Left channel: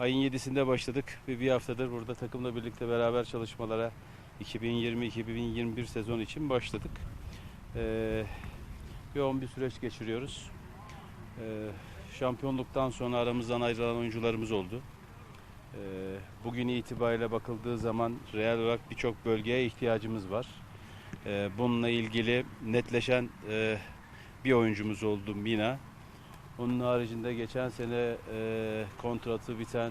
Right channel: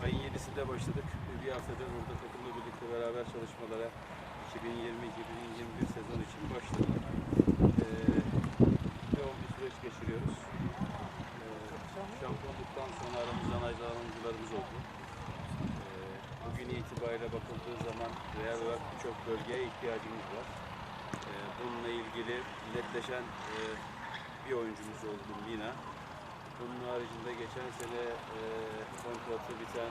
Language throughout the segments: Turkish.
ayın 7'sinde başladık ve bir haftadır burada takımla birlikte beraber çalışmalara 2020-2021 sezon için başladık. Ee, yoğun bir süreç geçiriyoruz. Ee, şampiyonluktan sonra aramızdan ayrılan oyuncularımız oldu. Ee, bugün itibariyle bakıldığı zaman real olarak birçok bölgeye ihtiyacımız var. Ee, bununla ilgili netleşen e, bir oyuncumuz oldu Mina. Bunun haricinde geçen sene e, kontratı biten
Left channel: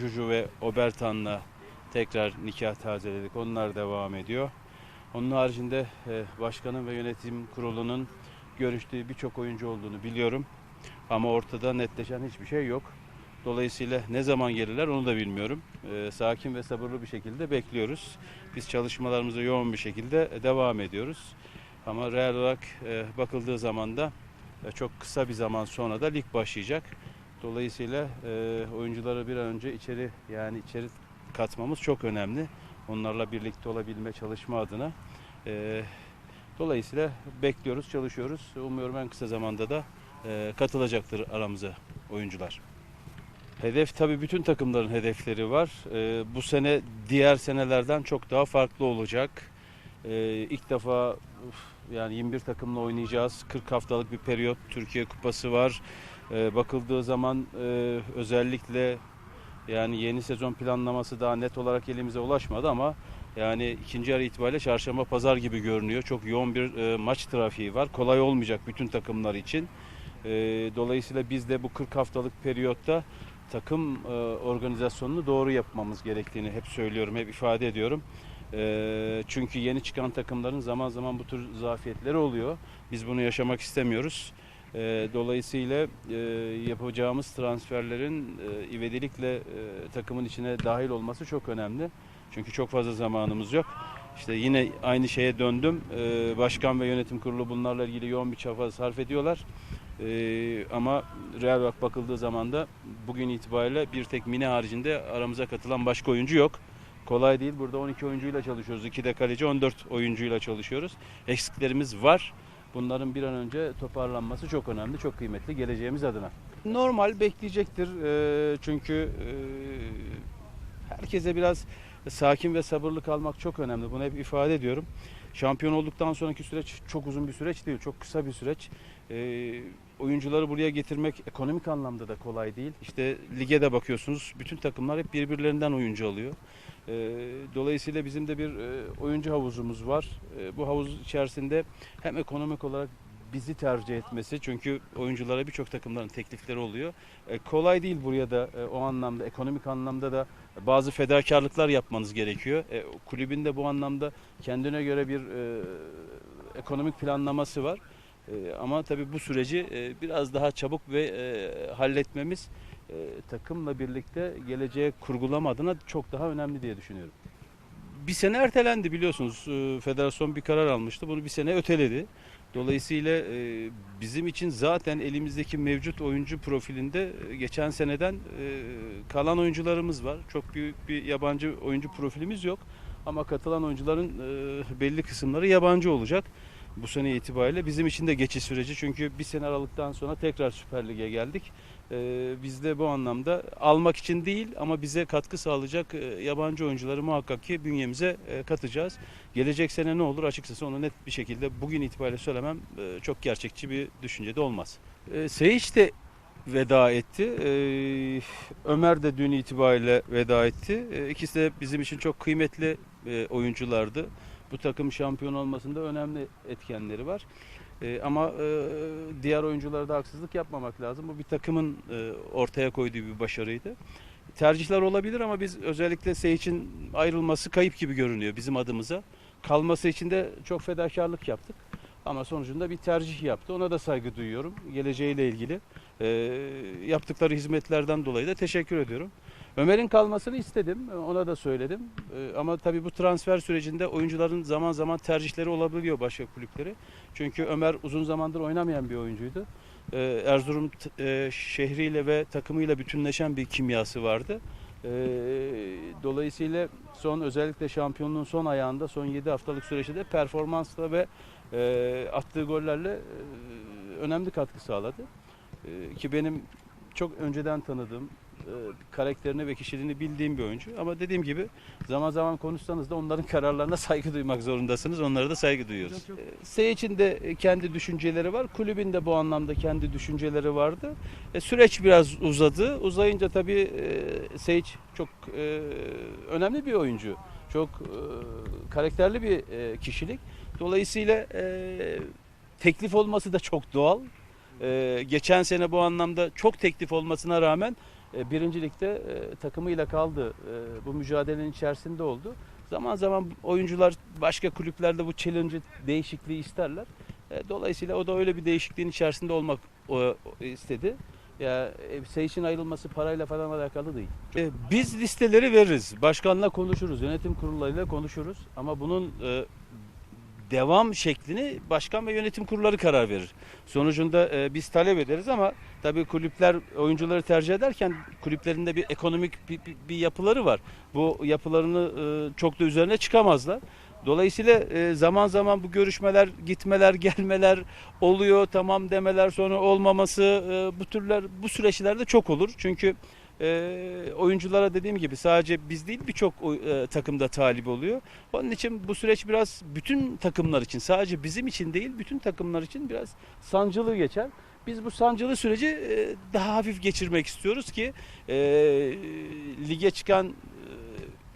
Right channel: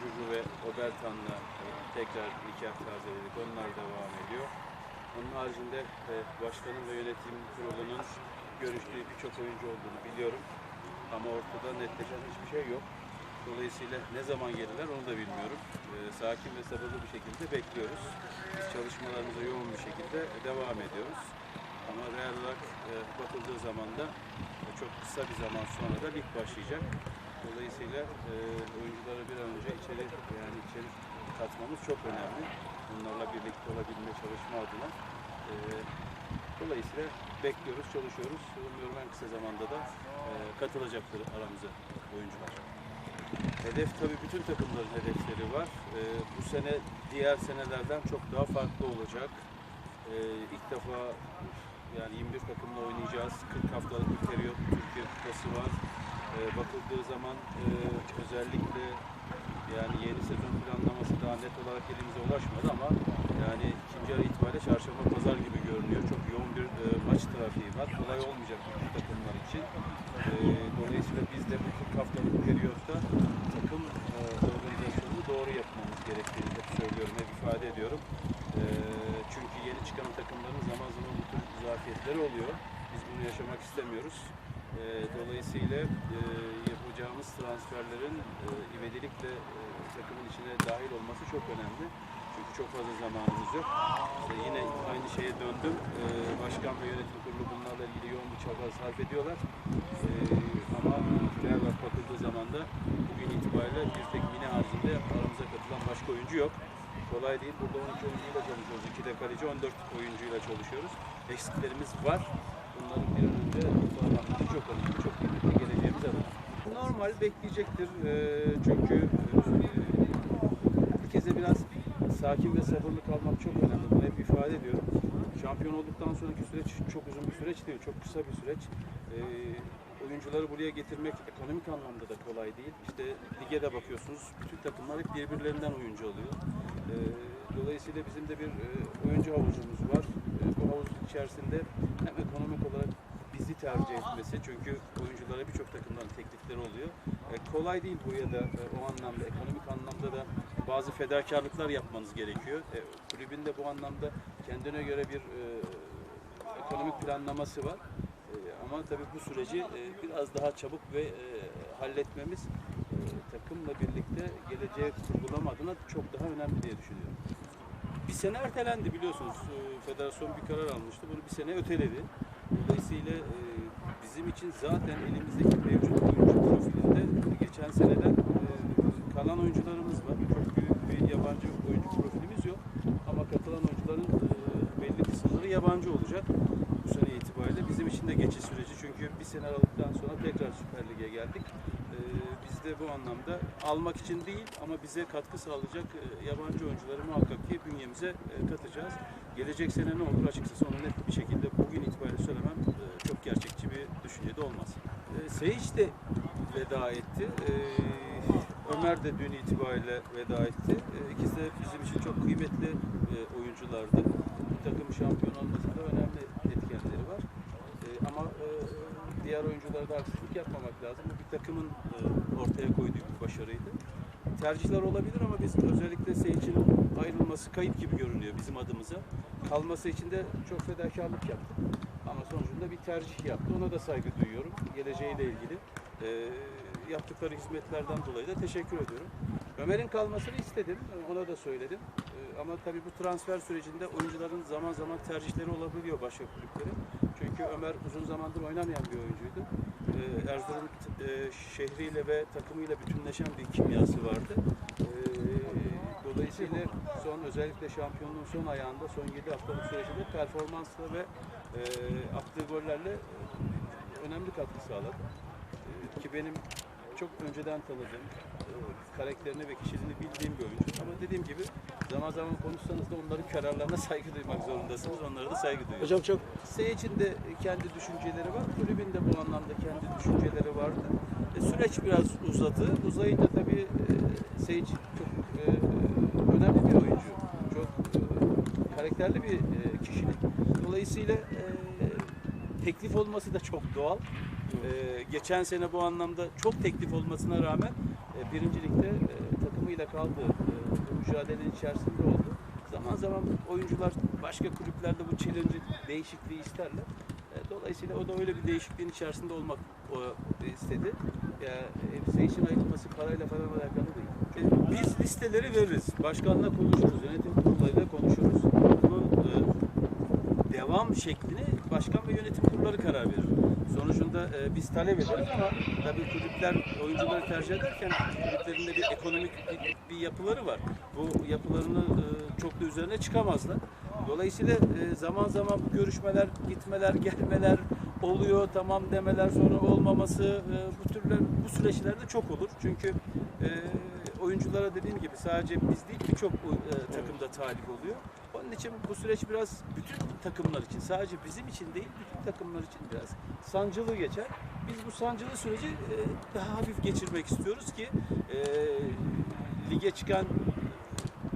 Juju ve Obertan'la tekrar nikah tazeledik. Onlar devam ediyor. Onun haricinde e, başkanın ve yönetim kurulunun görüştüğü birçok oyuncu olduğunu biliyorum. Ama ortada netleşen hiçbir şey yok. Dolayısıyla ne zaman gelirler onu da bilmiyorum. E, sakin ve sabırlı bir şekilde bekliyoruz. Biz çalışmalarımıza yoğun bir şekilde devam ediyoruz. Ama real olarak e, bakıldığı zaman da çok kısa bir zaman sonra da lig başlayacak. Dolayısıyla e, oyuncuları bir an önce içeri yani içeri katmamız çok önemli. Onlarla birlikte olabilme çalışma adına. E, dolayısıyla bekliyoruz, çalışıyoruz. Umuyorum en kısa zamanda da e, katılacaktır aramıza oyuncular. Hedef tabii bütün takımların hedefleri var. E, bu sene diğer senelerden çok daha farklı olacak. E, ilk defa yani 21 takımla oynayacağız. 40 haftalık bir periyot Türkiye Kupası var. E, bakıldığı zaman e, özellikle yani yeni sezon planlaması daha net olarak elimize ulaşmadı ama yani ikinci yarı itibariyle çarşamba pazar gibi görünüyor. Çok yoğun bir e, maç trafiği var. Kolay olmayacak bütün takımlar için. E, dolayısıyla biz de bu 40 haftalık periyotta takım e, organizasyonunu doğru yapmamız gerektiğini hep söylüyorum, hep ifade ediyorum. E, çünkü yeni çıkan takımların zaman zaman bu tür zafiyetleri oluyor. Biz bunu yaşamak istemiyoruz. E, dolayısıyla e, yapacağımız transferlerin e, ivedilikle e, takımın içine dahil olması çok önemli. Çünkü çok fazla zamanımız yok. İşte yine aynı şeye döndüm. E, başkan ve yönetim kurulu bunlarla ilgili yoğun bir çaba sarf ediyorlar. E, ama real olarak bakıldığı zaman da bugün itibariyle bir tek mini haricinde aramıza katılan başka oyuncu yok. Kolay değil. Burada 12 oyuncuyla çalışıyoruz. 2 de kaleci 14 oyuncuyla çalışıyoruz. Eksiklerimiz var. Bunların bir an önce toparlanması çok önemli, çok kıymetli geleceğimiz adına. Normal bekleyecektir Ee, çünkü e, herkese biraz sakin ve sabırlı kalmak çok önemli. Bunu hep ifade ediyorum. Şampiyon olduktan sonraki süreç çok uzun bir süreç değil, çok kısa bir süreç. Ee, oyuncuları buraya getirmek ekonomik anlamda da kolay değil. İşte lige de bakıyorsunuz, bütün takımlar hep birbirlerinden oyuncu alıyor. Ee, dolayısıyla bizim de bir e, oyuncu havuzumuz var. Ee, bu havuz içerisinde hem ekonomik olarak bizi tercih etmesi çünkü oyunculara birçok takımların teklifleri oluyor. E, kolay değil buraya da e, o anlamda ekonomik anlamda da bazı fedakarlıklar yapmanız gerekiyor. E, kulübün de bu anlamda kendine göre bir e, ekonomik planlaması var. E, ama tabii bu süreci e, biraz daha çabuk ve e, halletmemiz takımla birlikte geleceğe kurgulama adına çok daha önemli diye düşünüyorum. Bir sene ertelendi biliyorsunuz. E, Federasyon bir karar almıştı. Bunu bir sene öteledi. Dolayısıyla e, bizim için zaten elimizdeki mevcut oyuncu profilinde e, geçen seneden e, kalan oyuncularımız var. Çok büyük bir yabancı oyuncu profilimiz yok. Ama katılan oyuncuların belli kısımları yabancı olacak. Bu sene itibariyle bizim için de geçiş süreci çünkü bir sene aralıktan sonra tekrar Süper Lig'e geldik. E, biz de bu anlamda almak için değil ama bize katkı sağlayacak e, yabancı oyuncuları muhakkak ki bünyemize e, katacağız. Gelecek sene ne olur açıkçası onu net bir şekilde bugün itibariyle söylemem e, çok gerçekçi bir düşünce de olmaz. E, Seyic de veda etti. E, Ömer de dün itibariyle veda etti. E, ikisi de bizim için çok kıymetli oyunculardı. Bu takım şampiyon olmasında önemli etkenleri var. E, ama e, diğer oyunculara da haksızlık yapmamak lazım. Bu bir takımın e, ortaya koyduğu bir başarıydı. Tercihler olabilir ama biz özellikle Seyit'in ayrılması kayıp gibi görünüyor bizim adımıza. Kalması için de çok fedakarlık yaptık. Ama sonucunda bir tercih yaptı. Ona da saygı duyuyorum. Geleceğiyle ilgili e, yaptıkları hizmetlerden dolayı da teşekkür ediyorum. Ömer'in kalmasını istedim. Ona da söyledim. E, ama tabii bu transfer sürecinde oyuncuların zaman zaman tercihleri olabiliyor başka kulüpleri. Çünkü Ömer uzun zamandır oynamayan bir oyuncuydu. E, Erzurum e, şehriyle ve takımıyla bütünleşen bir kimyası vardı. E, dolayısıyla son özellikle şampiyonluğun son ayağında son 7 haftalık süreçte performansla ve e, attığı gollerle e, önemli katkı sağladı. Ki benim çok önceden tanıdığım, karakterini ve kişiliğini bildiğim bir oyuncu. Ama dediğim gibi zaman zaman konuşsanız da onların kararlarına saygı duymak zorundasınız. Onlara da saygı duyuyoruz. Hocam çok Seyircinin de kendi düşünceleri var. Kulübün de bu anlamda kendi düşünceleri vardı. E, süreç biraz uzadı. Uzayınca tabii e, Seyit çok e, önemli bir oyuncu. Çok e, karakterli bir e, kişilik. Dolayısıyla e, teklif olması da çok doğal. E, geçen sene bu anlamda çok teklif olmasına rağmen e, birincilikte e, takımıyla kaldı. E, bu mücadelenin içerisinde oldu. Zaman zaman oyuncular başka kulüplerde bu challenge'ı değişikliği isterler. E, dolayısıyla o da öyle bir değişikliğin içerisinde olmak o, o istedi. Ya e, Seyşin ayrılması parayla falan alakalı değil. E, biz listeleri veririz. Başkanla konuşuruz. Yönetim kurullarıyla konuşuruz. Ama bunun e, devam şeklini başkan ve yönetim kurulları karar verir. Sonucunda e, biz talep ederiz ama tabii kulüpler oyuncuları tercih ederken kulüplerinde bir ekonomik bir, bir yapıları var. Bu yapılarını e, çok da üzerine çıkamazlar. Dolayısıyla e, zaman zaman bu görüşmeler, gitmeler, gelmeler oluyor, tamam demeler sonra olmaması e, bu türler bu süreçlerde çok olur. Çünkü e, oyunculara dediğim gibi sadece biz değil birçok e, takımda talip oluyor. Onun için bu süreç biraz bütün takımlar için sadece bizim için değil bütün takımlar için biraz sancılı geçer. Biz bu sancılı süreci e, daha hafif geçirmek istiyoruz ki e, lige çıkan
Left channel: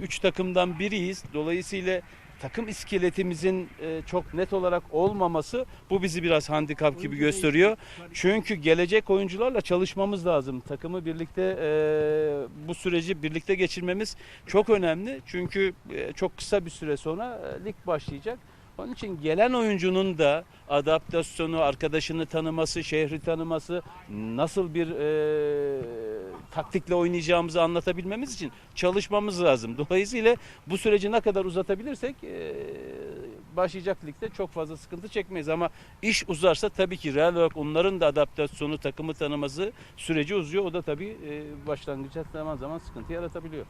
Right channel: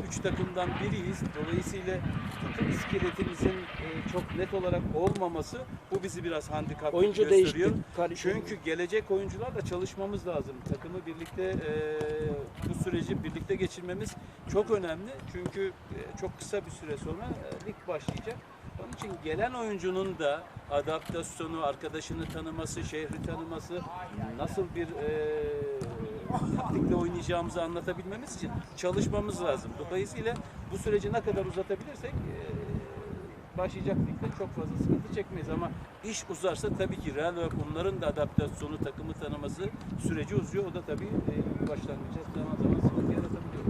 3 takımdan biriyiz. Dolayısıyla takım iskeletimizin e, çok net olarak olmaması bu bizi biraz handikap gibi oyuncu gösteriyor. değişiklik, karışıklık. Çünkü gelecek oyuncularla çalışmamız lazım. Takımı birlikte e, bu süreci birlikte geçirmemiz çok önemli. Çünkü e, çok kısa bir süre sonra e, lig başlayacak. Onun için gelen oyuncunun da adaptasyonu, arkadaşını tanıması, şehri tanıması, nasıl bir e, taktikle oynayacağımızı anlatabilmemiz için çalışmamız lazım. Dolayısıyla bu süreci ne kadar uzatabilirsek e, başlayacak ligde çok fazla sıkıntı çekmeyiz ama iş uzarsa tabii ki real olarak onların da adaptasyonu, takımı tanıması süreci uzuyor. O da tabii e, başlangıçta zaman zaman sıkıntı yaratabiliyor.